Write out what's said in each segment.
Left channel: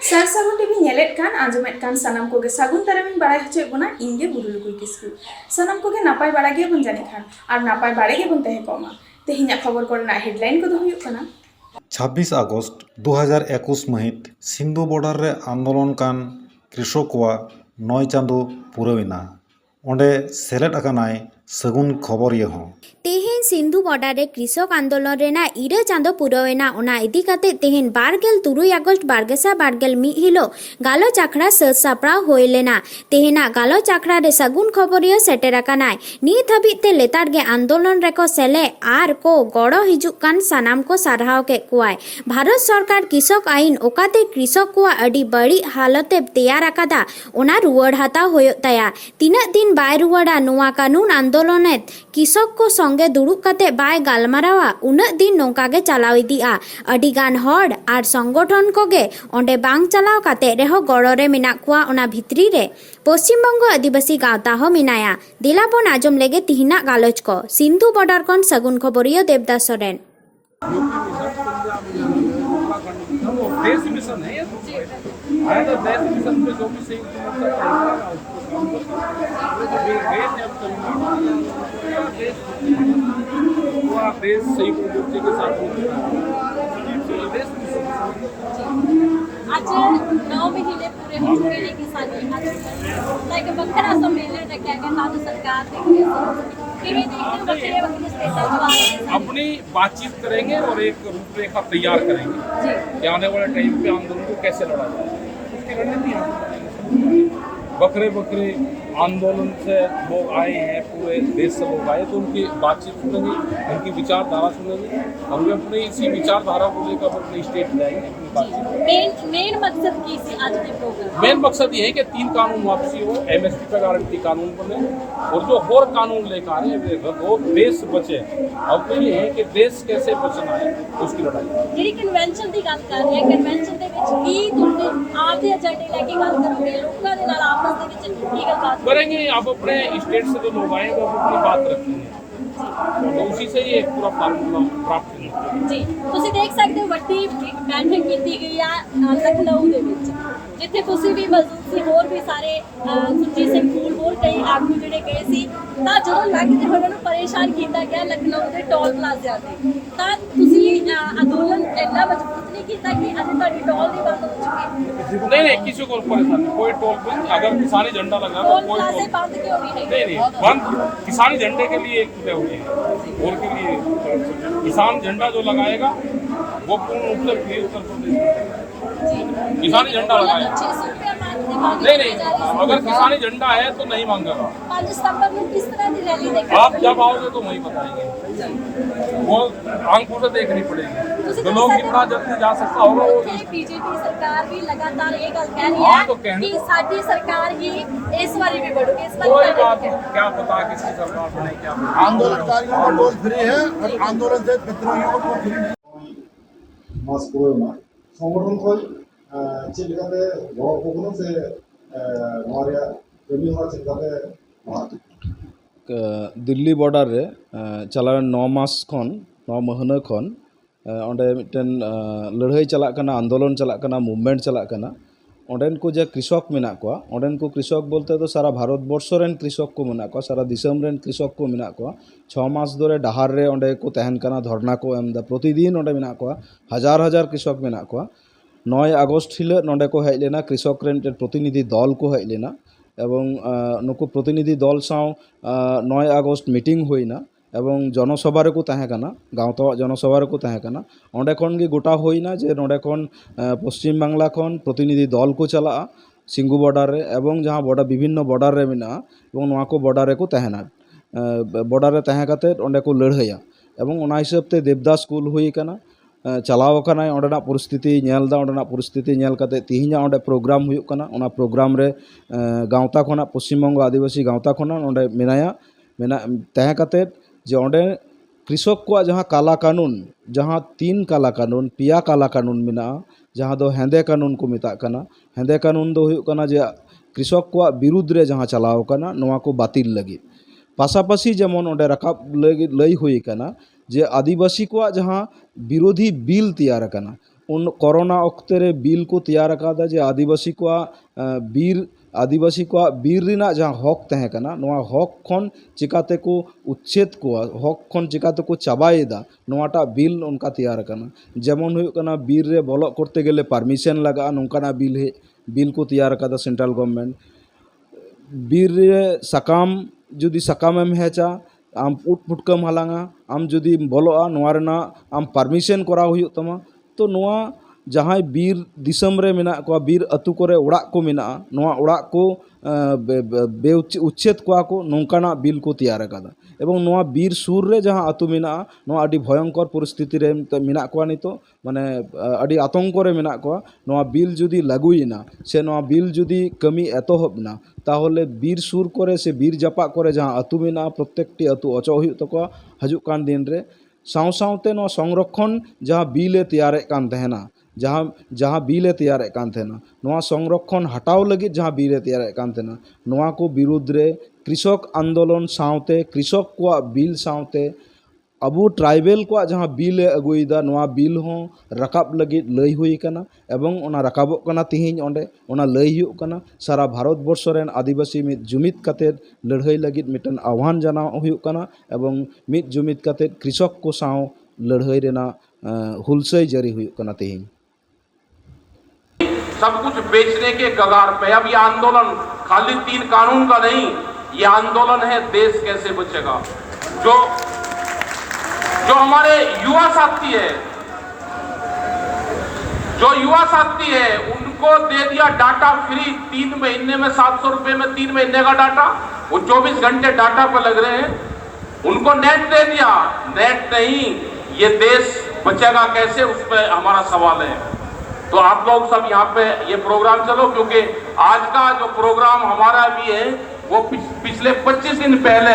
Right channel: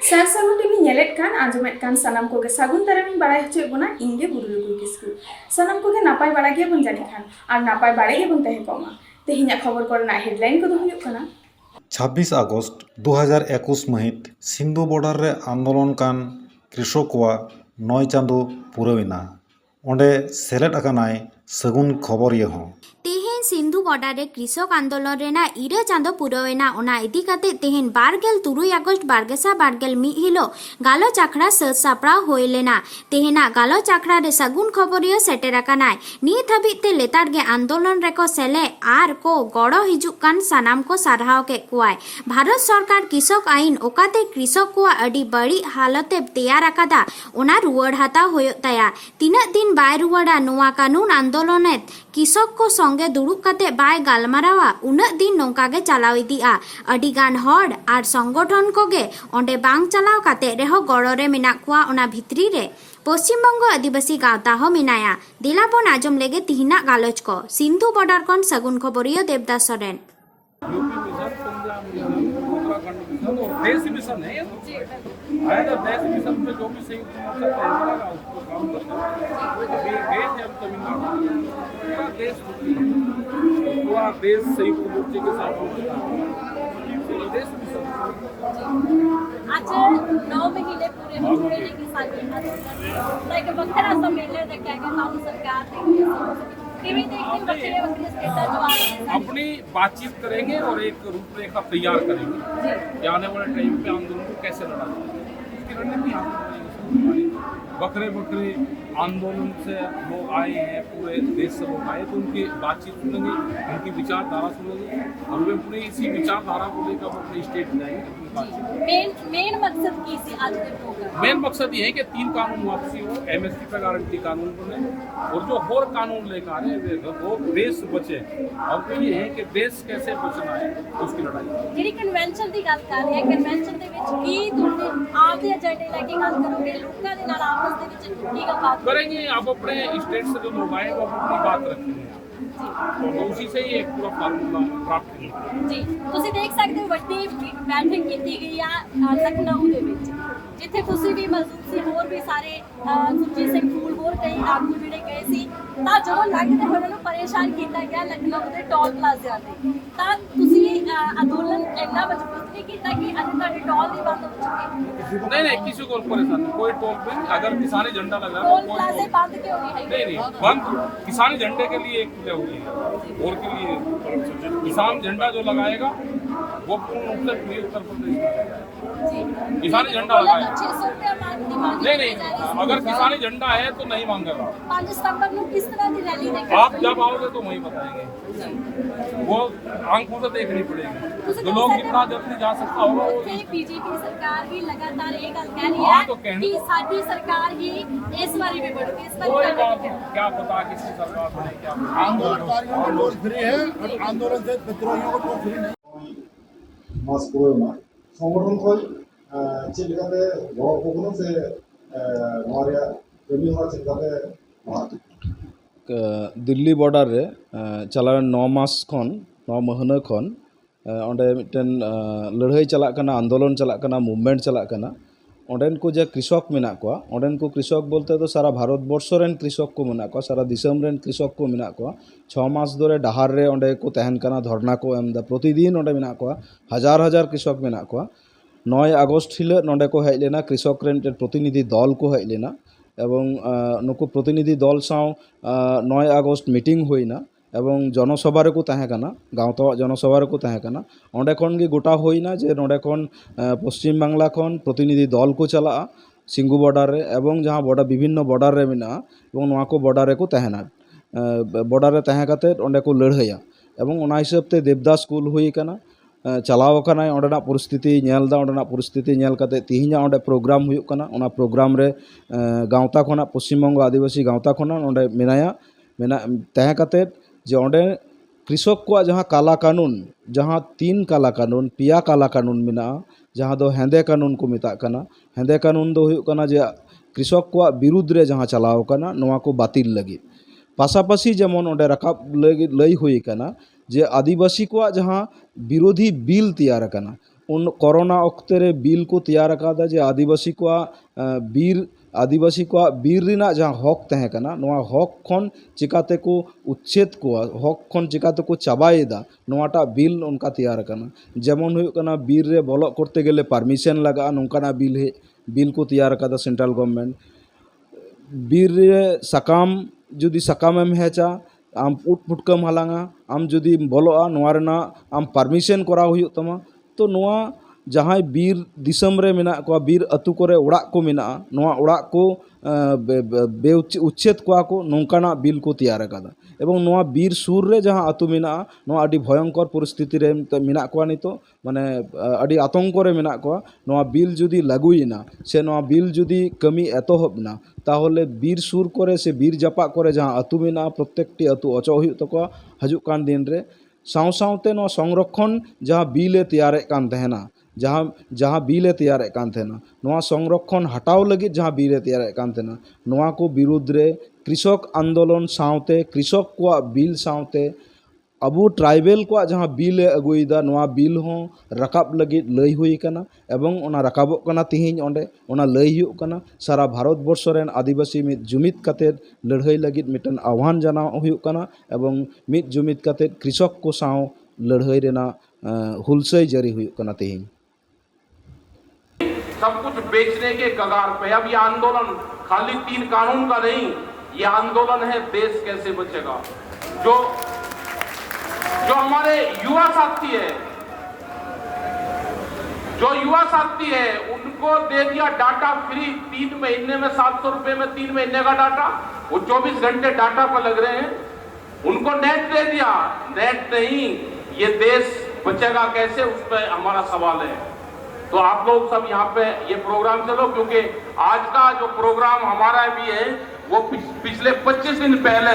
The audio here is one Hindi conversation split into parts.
सार सागुन टीवी नेलेट कान आंजमेट कान सानाम कोगे सागुन तारामिन बाड़ाय हचे बोना इंगे बुरुलुकुई किस्कु सानाम कोगे नापाय बाड़ा गे बन जानि खान आर नापाय बाड़े गे बन तहे कोमा तेहिना खबर कोरना हेडलाइन को दो हुयुक कना 26 আগস্ট 2021 महित सिंधु बॉर्डर रे आंदोलन कान कृषक को 9 चांदो पुरविना ओंडे सेलेट अकानाय सगुन खबर ये हो तेहेन सिंधु बॉर्डर रे कृषक आंदोलन रेना इरा चांदो पुरवेना ओना इदी काते तेहेन 12 আগস্ট 2021 हिलो गालोच आखड़ा सत सापड़ाव होय लेना तेहेना गालोच आखड़ा रे सगुन खबरियो सेटेर अकानाय नित हाबिज ते लेतार गे आंदोलन रेको सेले आर को गड़ो हिजुक कान सानाम को सारहाव के कुआय भारत सरकार कृषक आईन ओकाते कृषक को अडी बड़ी हालते तैयार अकादा ओना रुवाड़ हाताव होयो ताया तीना दिन बाय रुवाड़ा नोआ कानून आंदोलने कृषक को संगे दुड़ुब काते बाय गालमारावा उना दिन नोंकागे चलाव इदिया अडी गान हड़ आर संगठन कोगे ओंडे बांग चलाव काते रेहो गड़ो रे मेना कुआ ओना भितरी रे पश्चिम बंग आदिवासी गावता हो मिनाया दिलापन आजम लेगे तिहिना गालोच को सिंधु बॉर्डर कौन सगुन खबरियो देवदास सोरेन देश मिशन है ये तो आया तो देश मिशन पे जो भी संयुक्त मोर्चा चलेगा उसको काम करना अभी गए थे हम तमिलनाडु पूरा देश संयुक्त मोर्चे के साथ देश मिशन आज 9 महीने पूरे हो चुके हैं किसानी आंदोलन लाइक बखरा सम्मेलन रखा गया राज्य सरकार अपनी बातचीत करेंगे और एक रूपरेखा तैयार करेंगे कि आने वाले टाइम पे आंदोलन को कैसे लड़ा जाए उसकी रणनीति बकरे बकरे आंदोलन से लोग आए हैं पूरे देश से लोग आए तो उनकी बातचीत सुनेंगे उनकी विचारधारा सुनेंगे और वे अपनी इसी विचारधारा को लेकर अपने स्टेट जाएंगे अपनी बातचीत मेन मकसद की थी आज के प्रोग्राम मेन मकसद ये है कि 3 कानून वापसी हो एमएसपी पे गारंटी कानून बने और जो और कानून लेकर आ रहे हैं वो देश बचे अब तो ये है कि देश कैसे बचना है उसकी लड़ाई ਜਿਹੜੀ ਕਨਵੈਨਸ਼ਨ ਦੀ ਗੱਲ ਕਰ ਰਹੇ ਹਾਂ ਕਨਵੈਨਸ਼ਨ ਦੇ ਵਿੱਚ ਕੀ ਤੁਹਾਡੇ ਆਪ ਦੇ ਏਜੰਡੇ ਲੈ ਕੇ ਗੱਲ ਕਰੋਗੇ ਲੋਕਾਂ ਦੇ ਨਾਲ ਆਪਸ ਦੇ ਵਿੱਚ ਕੀ ਗੱਲਬਾਤ करेंगे आप अपने स्टेट से जो लोग आएंगे वो अपनी बात रखेंगे तो उसी से ही एक पूरा फार्मूला प्राप्त करेंगे ਜੀ ਤੁਸੀਂ ਦੇਖ ਸਕਦੇ ਹੋ ਵੱਡੀ ਬੈਠਕ ਕੀਤੀ ਗਈ ਆ ਲਖਨਊ ਦੇ ਵਿੱਚ ਜਿੱਥੇ ਤੁਸੀਂ ਵੀ ਮੌਜੂਦ ਸੀ ਹੋਰ ਵੀ ਸਾਰੇ ਸੁਰਜੀਤ ਸਿੰਘ ਫੂਲ ਹੋਰ ਕਈ ਆਗੂ ਜਿਹੜੇ ਗਏ ਸੀ ਤਾਂ ਜਦੋਂ ਲੱਗਦੇ ਉਹਨਾਂ ਨੂੰ ਪਰੇਸ਼ਾਨ ਕੀਤਾ ਗਿਆ ਲਖਨਊ ਦੇ ਟੋਲ ਪਲਾਜ਼ਿਆਂ ਤੇ ਤਾਂ ਤੁਸੀਂ ਅੰਦੋਲਨ ਇੰਨਾ ਮਜ਼ਬੂਤ नहीं किया कि अभी तक टोल नहीं बंद हो चुके नहीं किसी को परेशान नहीं कोई टोल पे अगर किसानी झंडा लगा तो कोई टोल बंद क्यों नहीं नहीं बंद किसानी झंडे के लिए एक खुले हुए हैं और के लिए किसान झंडा जो लगाएगा वो पूर्ण रूप से फ्री उत्तर प्रदेश किसानी झंडा लगाएगा नहीं अगर किसानी झंडा है तो नहीं मांगेगा 5 सितंबर में किस तरह की रैली आप जब आओगे तो वही बताएंगे वो आंखों से देखनी पड़ेगी तो लोग कितना जल्दी जा सकता होगा वो बीजेपी सरकार भी लगातार ये गल कह रही है तो कि साडी सरकार ही इस बारी भी बढ़ेगी इस बारी कोई बात क्या पता किसकी सरकार बने क्या आंदोलनकारियों को टोल फ्री है और आंदोलन से विद्रोहियों को टोल फ्री नहीं मास पुरोना संगठन को चेक करते गौर को से हमारे कमी हुआ चेक करते दिल्ली बॉर्डर रे चला 9 मास खन 9 महीना खन ओंडे मिटन लड़ाई चला कना आंदोलन चला कना मूवमेंट चला कना ओंडेन को जे कृषक मेना को ओंडेन को कृषक बोलते तो सारा भारत वर्ष रेन कृषक को मेना को सारा दिसम रेन कृषक को मेना को 6 मास धरे डहार रे ओंडे को तहन कना धरना को एमदा प्रतिदिन ओंडे मेना को हजार हजार कृषक मेना को 9 আগস্ট हिले नोंडे को हेज लेना कृषक रेन प्रतिनिधि दल को हेज लेना एवं नुकु प्रतिनिधि दल साव 9 আগস্ট मीटिंग होइना एवं जनसभा रे को तहेकना गाँवता जनसभा रे को तहेकना ओंडे खन गे गोटा होइना जे नोंडे खन पश्चिम बांगला खन प्रतिनिधि दल को चला सिंगु बॉर्डर रे एवं जहाँ बॉर्डर विभिन्न बॉर्डर रे मेना एवं नोआ को बॉर्डर रे को तहेना बॉर्डर रे तहे काते ओंडे को लड़ाइया एवं ओना हिसाब ते देवदास स्कूल हुई कना चलाव कना ओंडेना परिस्थिति नेलदा ओंडेना परिस्थिति नेल काते तिहिना ओंडे प्रोग्राम हुयुक कना ओना प्रोग्राम रे गाँवता खना पश्चिम बंग आदिवासी गाँवता खना ओंडे मेनाया मेना तहे काते जे ओंडे कृषक को जहाँ काला कानून जहाँ 3 काला कानून पिया काला कानून मेना जहाँ दो हेंदे कानून को मेता कना हेंदे कानून दो हुयुक कना जे कृषक को विरुद्ध रे जहाँ चलाव कना नोआ को बातिल लगी पासापासी जेमन ओंडे रकाब लई हुई कना जे आदिवासी को जहाँ विरोधी बिल तैयार कना उन कोरोना ऑक्ते रे बिल को तैयार अकादा जे आदिवासी को बीर रिना जहाँ हक तहे कना नोआ हक खन चिकाते को उच्छेद को हक खन चिकाते को चाबाएदा नोआटा बिल उनका तैयार कना जेमन हुयुग कना बीर रे बोलो करते गेले परमिशन लगा नोंकाना बिल को तैयार अकादा सेंट्रल गवर्नमेंट बीर रे सकाम जुदी सकामेम हेचा आम उठ पुटकम हालांगा आम जुदी बोलोआ नोआ रेना आम परमिशन करा हुयुग तमा तो नोआ जहाँ बीर दिसम रे मेना को बीर अतु करे उड़ाक को मेना नोआ उड़ाक को बे उच्छेद को नौकाना बिल को तैयार अकादा एवं नोआ बीर सुर रे जहाँ अतु मेना नोआ अडी भयंकर परिस्थिति रे मेना को नितो माने अडी आतंक रे मेना को नोआ बिल जुदी लागुइना से नोआ बिल जुदी कमी एतोहबना ताहले बीर सुर करे से बीर जापा करे जहाँ अतु मेना प्रत्येकटी अतु अचो हुयुग तको हजुक कान दिन रे साव सावते नोआ संरक्षण जहाँ बिले तैयार कान तहना जहाँ बिले तैयार कान तहना नोआ संरक्षण हटाव लगित जहाँ बिले तैयार कान तहना नोआ को विरुद्ध रे कृषक आंदोलन सावते कृषक को बिल सावते अबू ट्राइबल को जहाँ बिल अगुईदा नोआ बिल हो रकाब लगित लई हुई कना एवं ओना रकाबोग कना तिहिन ओंडे ओना लई हुयुग कना सारा भारत वर्ष रेन आदिवासी मित जुमित काते लड़ाई लगित मिटन आह्वान जाना हुयुग कना एवं मित जुमित काते कृषक को साव लड़ाई रेना हुलसई जारी हुयुग कना तिहिन सब कुछ बेचने के कगार पे। अब ये आंदोलन खाली 3 कानून का नहीं, ये आंदोलन है देश कैसे बचेगा। जो हमारे युवा साथी है उनको दे दिया डाटा फ्री 3 महीने में 700 रुपए में 3 महीने का डाटा, वो 24 घंटे डाटा पर लग रहे हैं। उनको नेट दे दिया, नेट नहीं, ये देश बचेगा कैसे, उस पर हमारा सवाल है। तो आप लोग सब यहाँ पे ये प्रोग्राम चलो, क्योंकि आज का जो प्रोग्राम हमारा भी है वो पिछले 25 दिन पहले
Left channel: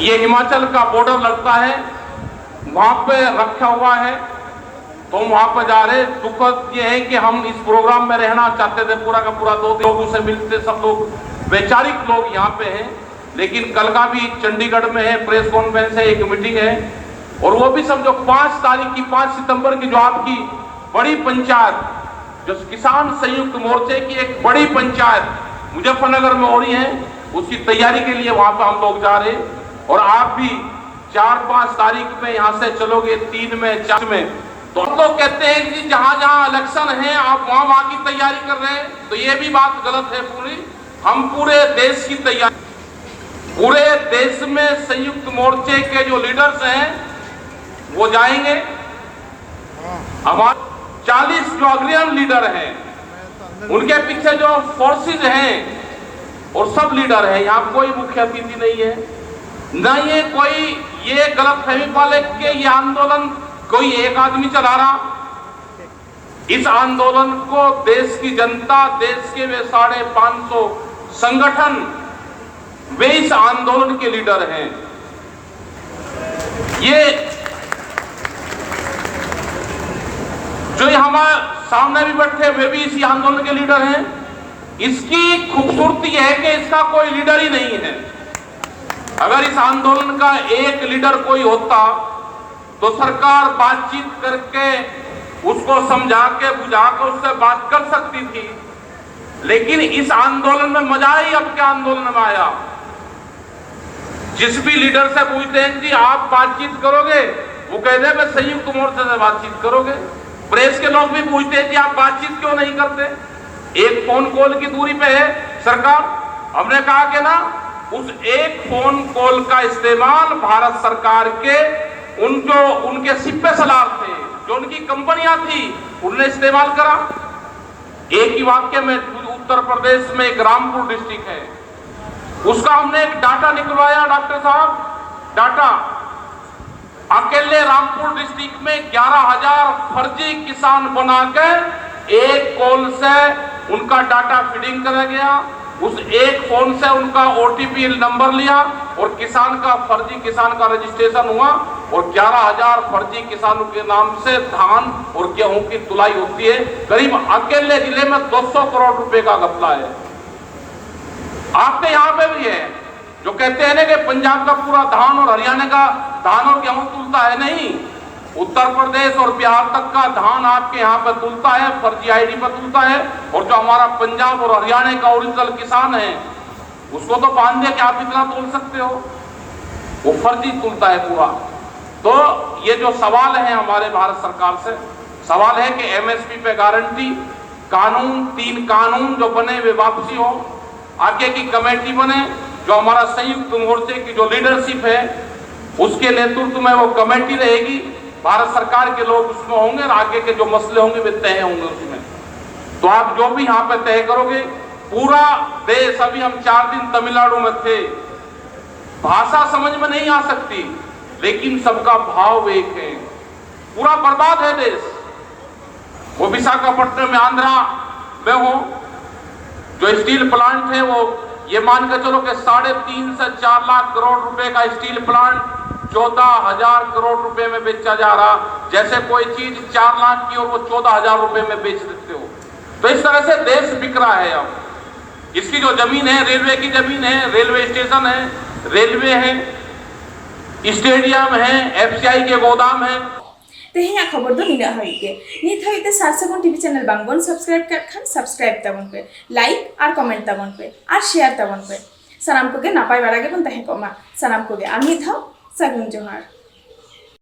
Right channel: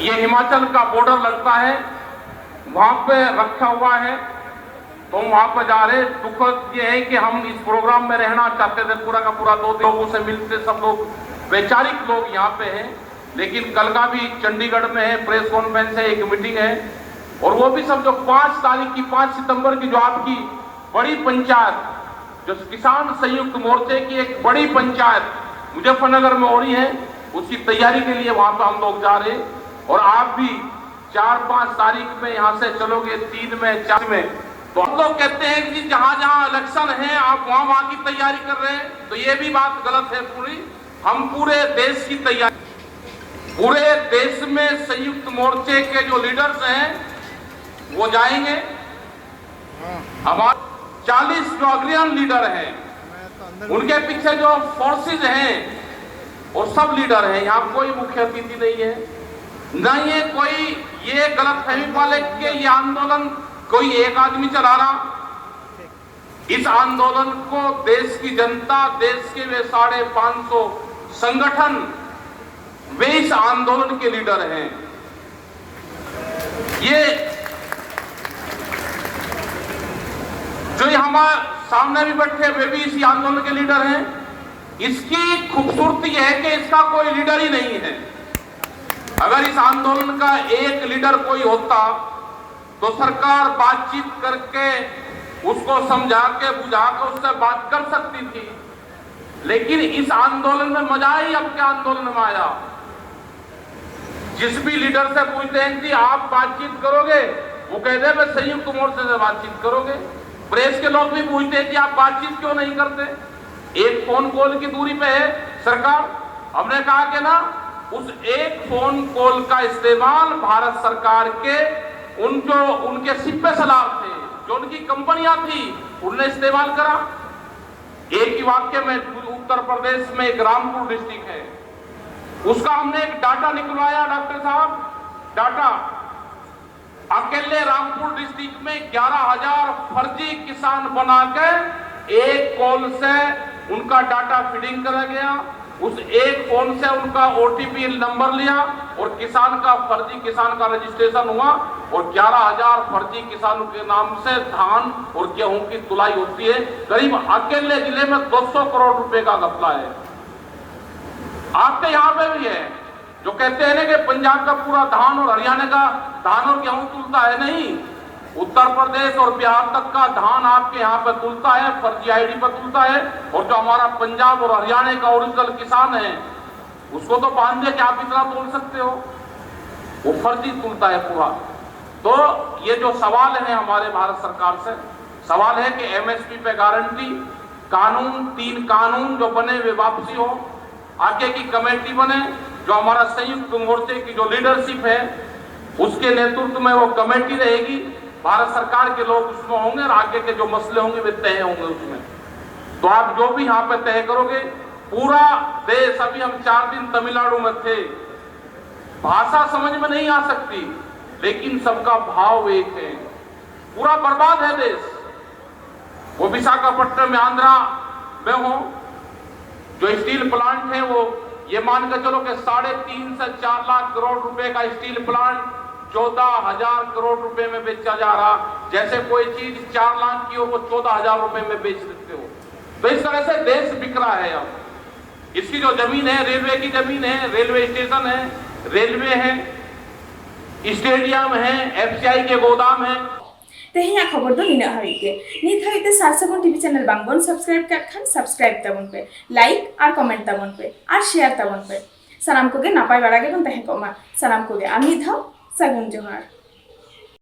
ये हिमाचल का बॉर्डर लगता है, वहां पे रखा हुआ है, तो हम वहां पर जा रहे। दुखद ये है कि हम इस प्रोग्राम में रहना चाहते थे, पूरा का पूरा 2 लोगों से मिलते, सब लोग वैचारिक लोग यहाँ पे हैं, लेकिन कल का भी चंडीगढ़ में है, प्रेस कॉन्फ्रेंस है, एक मीटिंग है, और वो भी समझो 5 सितंबर की जो आपकी बड़ी पंचायत, जो किसान संयुक्त मोर्चे की एक बड़ी पंचायत मुजफ्फरनगर में हो रही है, उसकी तैयारी के लिए वहां पर हम लोग जा रहे हैं। और आप भी 4-5 तारीख में यहाँ से चलोगे, 3 में 4 में, तो हम लोग कहते हैं कि जहां जहां इलेक्शन है आप वहां की तैयारी कर रहे हैं, तो ये भी बात गलत है पूरी। हम पूरे देश की तैयारी, पूरे देश में संयुक्त मोर्चे के जो लीडर्स हैं वो जाएंगे। हमारे 40 जो अग्रणी लीडर हैं, उनके पीछे जो फोर्सेज हैं और सब लीडर हैं, यहाँ कोई मुख्य अतिथि नहीं है, न ये कोई ये गलत फहमी वाले कि ये आंदोलन कोई एक आदमी चला रहा। इस आंदोलन को देश की जनता, देश के वे 550 संगठन, वे इस आंदोलन के लीडर हैं। ये जो हमारे सामने भी बैठे वे भी इसी आंदोलन के लीडर हैं। इसकी खूबसूरती है कि इसका कोई लीडर ही नहीं है। अगर इस आंदोलन का एक लीडर कोई होता तो सरकार बातचीत करके उसको समझा के बुझा के उससे बात कर सकती थी, लेकिन इस आंदोलन में मजा ही अब के आंदोलन में आया। जिस भी लीडर से पूछते हैं कि आप बातचीत करोगे, वो कहते हैं कि संयुक्त मोर्चे से बातचीत करोगे। प्रेस के लोग भी पूछते हैं कि आप बातचीत क्यों नहीं करते, एक फोन कॉल की दूरी पे है सरकार। हमने कहा कि ना, उस एक फोन कॉल का इस्तेमाल भारत सरकार के उनके सिपे सलार थे, जो उनकी कंपनियां थी, उन्होंने इस्तेमाल करा। एक ही वाक्य में उत्तर प्रदेश में एक रामपुर डिस्ट्रिक्ट है, उसका हमने एक डाटा निकलवाया डॉक्टर साहब। डाटा अकेले रामपुर डिस्ट्रिक्ट में 11,000 फर्जी किसान बनाकर एक कॉल से उनका डाटा फीडिंग करा गया। उस एक फोन से उनका OTP नंबर लिया और किसान का फर्जी किसान का रजिस्ट्रेशन हुआ, और 11,000 फर्जी किसानों के नाम से धान और गेहूं की तुलाई होती है। करीब अकेले जिले में 200 करोड़ रुपए का घपला है। आपके यहाँ पे भी है, जो कहते हैं ना कि पंजाब का पूरा धान और हरियाणा का धान और गेहूं तुलता है, नहीं, उत्तर प्रदेश और बिहार तक का धान आपके यहाँ पे तुलता है, फर्जी आईडी पर तुलता है, और जो हमारा पंजाब और हरियाणा का ओरिजिनल किसान है उसको तो बांध दिया कि आप इतना तोल सकते हो, वो फर्जी तुलता है पूरा। तो ये जो सवाल है हमारे भारत सरकार से, सवाल है कि एमएसपी पे गारंटी, कानून, 3 कानून जो बने वे वापसी हो, आगे की कमेटी बने, जो हमारा संयुक्त मोर्चे की जो लीडरशिप है उसके नेतृत्व में वो कमेटी रहेगी, भारत सरकार के लोग उसमें होंगे और आगे के जो मसले होंगे वे तय होंगे उसमें। तो आप जो भी यहाँ पे तय करोगे, पूरा देश, अभी हम 4 दिन तमिलनाडु में थे, भाषा समझ में नहीं आ सकती लेकिन सबका भाव एक है, पूरा बर्बाद है देश। वो विशाखापट्टनम में आंध्रा में हो, जो स्टील प्लांट है वो ये मान के चलो कि 3.5 से 4 लाख करोड़ रुपए का स्टील प्लांट 14,000 करोड़ रुपए में बेचा जा रहा, जैसे कोई चीज 4 लाख की और वो 14,000 रुपए में बेच देते हो। तो इस तरह से देश बिक रहा है। अब इसकी जो जमीन है, रेलवे की जमीन है, रेलवे स्टेशन है, रेलवे है, स्टेडियम है, एफसीआई के गोदाम है। तेहिया खबर दो निना हाई के नित हाई ते सारसागुन टीवी चैनल बांगबन सब्सक्राइब कर खान सब्सक्राइब ताबन पे, लाइक और कमेंट ताबन पे और शेयर ताबन पे। सानाम कोगे नापाय बाड़ा गेबन तहे कोमा, सानाम कोगे आर नित हाउ सागुन जोहार।